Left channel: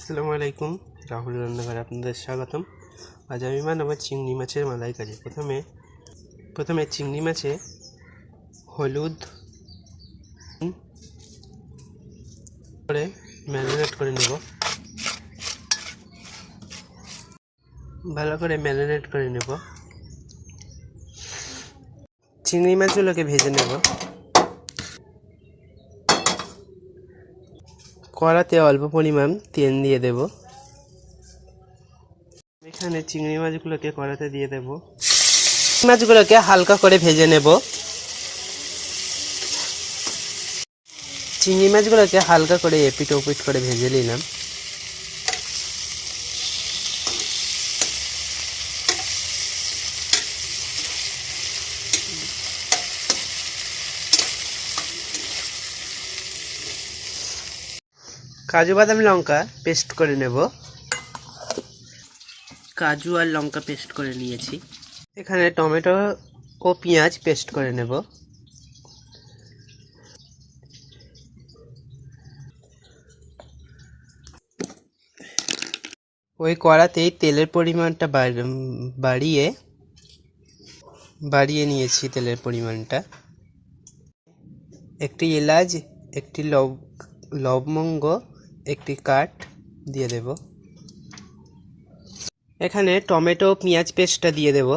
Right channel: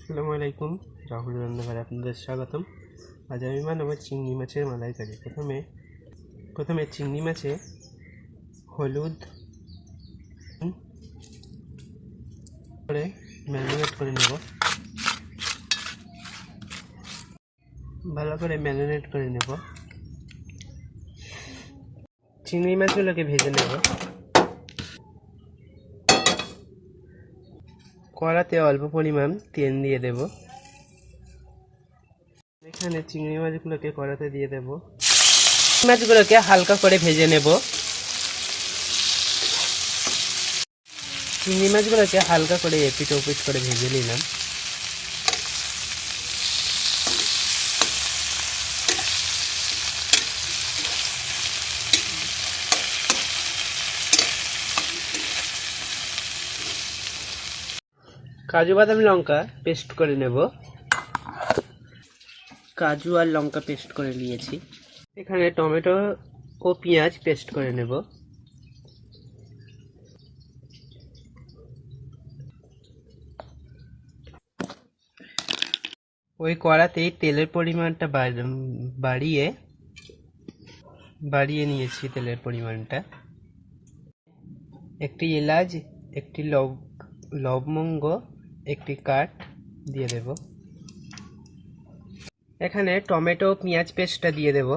আসসালামু আলাইকুম। রাহুল রান্নাঘরে আপনাদের স্বাগতম। আজ আমি বানাবো চিংড়ি মাছের মালাইকারি প্রথমে প্রথমে চিংড়ি মাছে হলুদ করে ম্যারিনেট করে নেব। ভালো করে ম্যারিনেট করে নেব। চিংড়ি মাছগুলোকে ভেজে নেব। কড়াতে অল্প পরিমাণ তেল দিয়ে দেব। এখানে চিংড়ি মাছগুলোকে কড়াতে দিয়ে দেব। মাছগুলোকে হালকা করে ভেজে নেব। চিংড়ি মাছগুলোকে হালকা করে এপিট ওপিট করে ভেজে নিলাম। কাজু বাদাম লঙ্কা পেস্ট করে নেব। কাজু আর লঙ্কা পেস্ট করে নিয়েছি। এখানে টমেটো ও পেঁয়াজ পেস্ট করে নেব। ওই কড়াতেই তেলের পরিমাণটা বাড়- বাড়িয়ে বাড়িয়ে নিয়েছি তেলের পরিমাণটা। একটি এলাচ একটি লব লবঙ্গ একটি কাঠ দিয়ে দেব। এখানে টমেটো, পেঁয়াজ পেস্টটা দিয়ে দেব।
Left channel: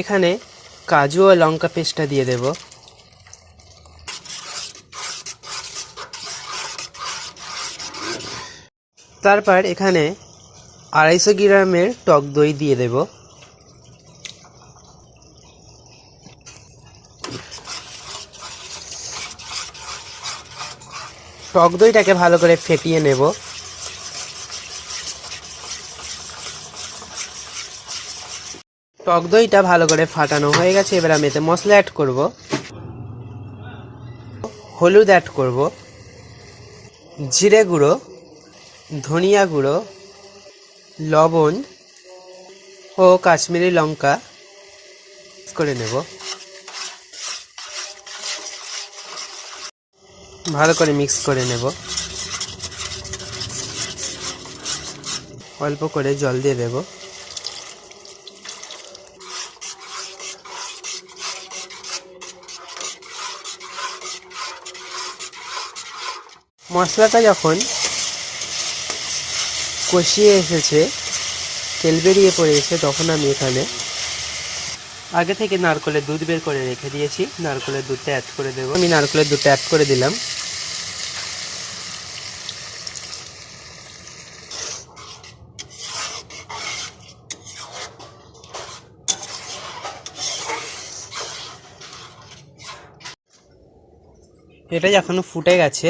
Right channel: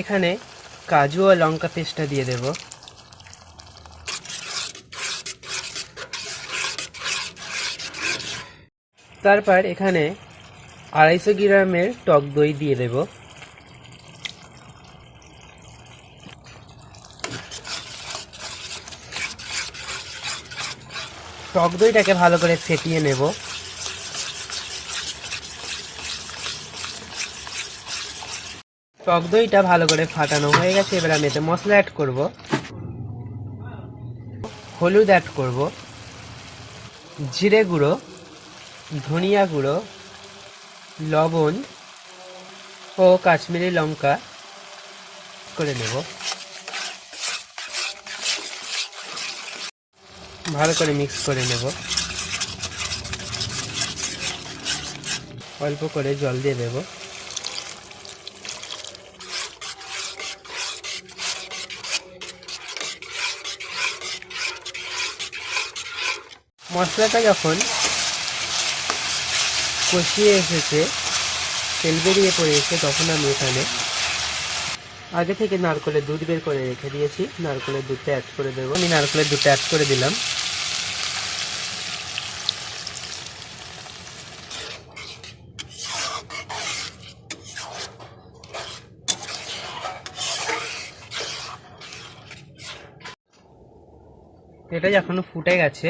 এখানে কাজু ও লঙ্কা পেস্টটা দিয়ে দেব। তারপর এখানে আড়াইশো গ্রামের টক দই দিয়ে দেব। টক দইটাকে ভালো করে ফেটিয়ে নেব। টক দইটা ভালো করে ফাটানো হয়ে গেছে, এবার আমি এতে মশলা অ্যাড করব। হলুদ অ্যাড করব। জিরে গুঁড়ো। ধনিয়া গুঁড়ো, লবণ ও কাশ্মীরি লঙ্কা করে নেব। ভালো করে মিক্স করে নেব। অল্প করে জল দিয়ে দেবো। মশলাটা যখন কষিয়ে এসেছে, তেল বেরিয়ে পড়ে পড়েছে তখন আমি এখানে। আগে থেকে নারকলের দুধ বের করে রেখে দিয়েছি। নারকলের দুধটা অ্যাড করে দেবো। আমি নারকলের দুধটা অ্যাড করে দিলাম। এটা যখন ফুটে গেছে।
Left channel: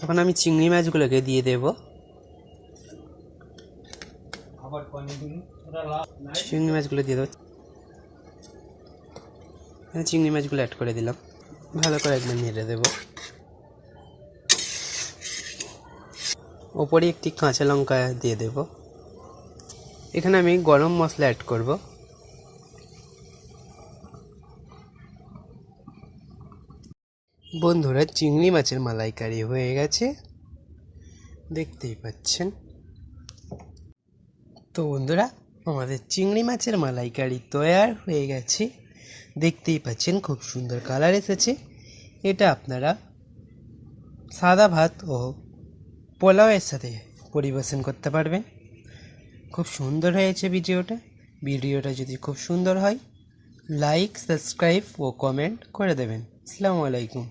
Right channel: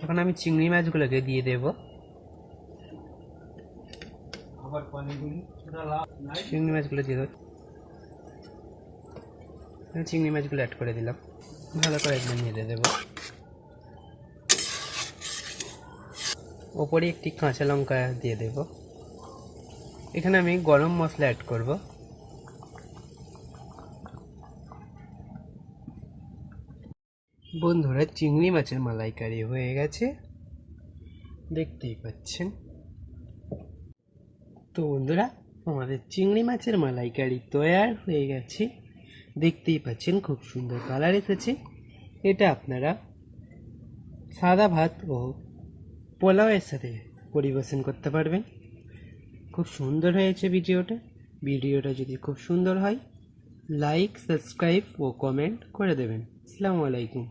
তখন আমি চিংড়ি মাছগুলোকে দিয়ে দেব। চিংড়ি মাছগুলো দিয়ে দেবো। আমি চিংড়ি মাছগুলো অ্যাড করে দিলাম। ভালো করে একদম নেড়ে দেবো। ওপরে একটি কাঁচা লঙ্কা দিয়ে দেব। এখানে আমি গরম মশলা অ্যাড করব। বন্ধুরা, চিংড়ি মাছের মালাইকারি হয়ে গেছে। দেখতেই পাচ্ছেন। তো বন্ধুরা, আমাদের চিংড়ি মাছের মালাইকারি তৈয়ার হয়ে গেছে। দেখতেই পাচ্ছেন খুব সুন্দর কালার এসেছে। এটা আপনারা সাদা ভাত ও পোলাওয়ের সাথে পরিবেশন করতে পারবেন। খুব সুন্দর হয়েছে ভিডিওটা। ভিডিওটা যদি খুব সুন্দর হয় লাইক সাবস্ক্রাইব ও কমেন্ট করে দেবেন। আসসালামু আলাইকুম।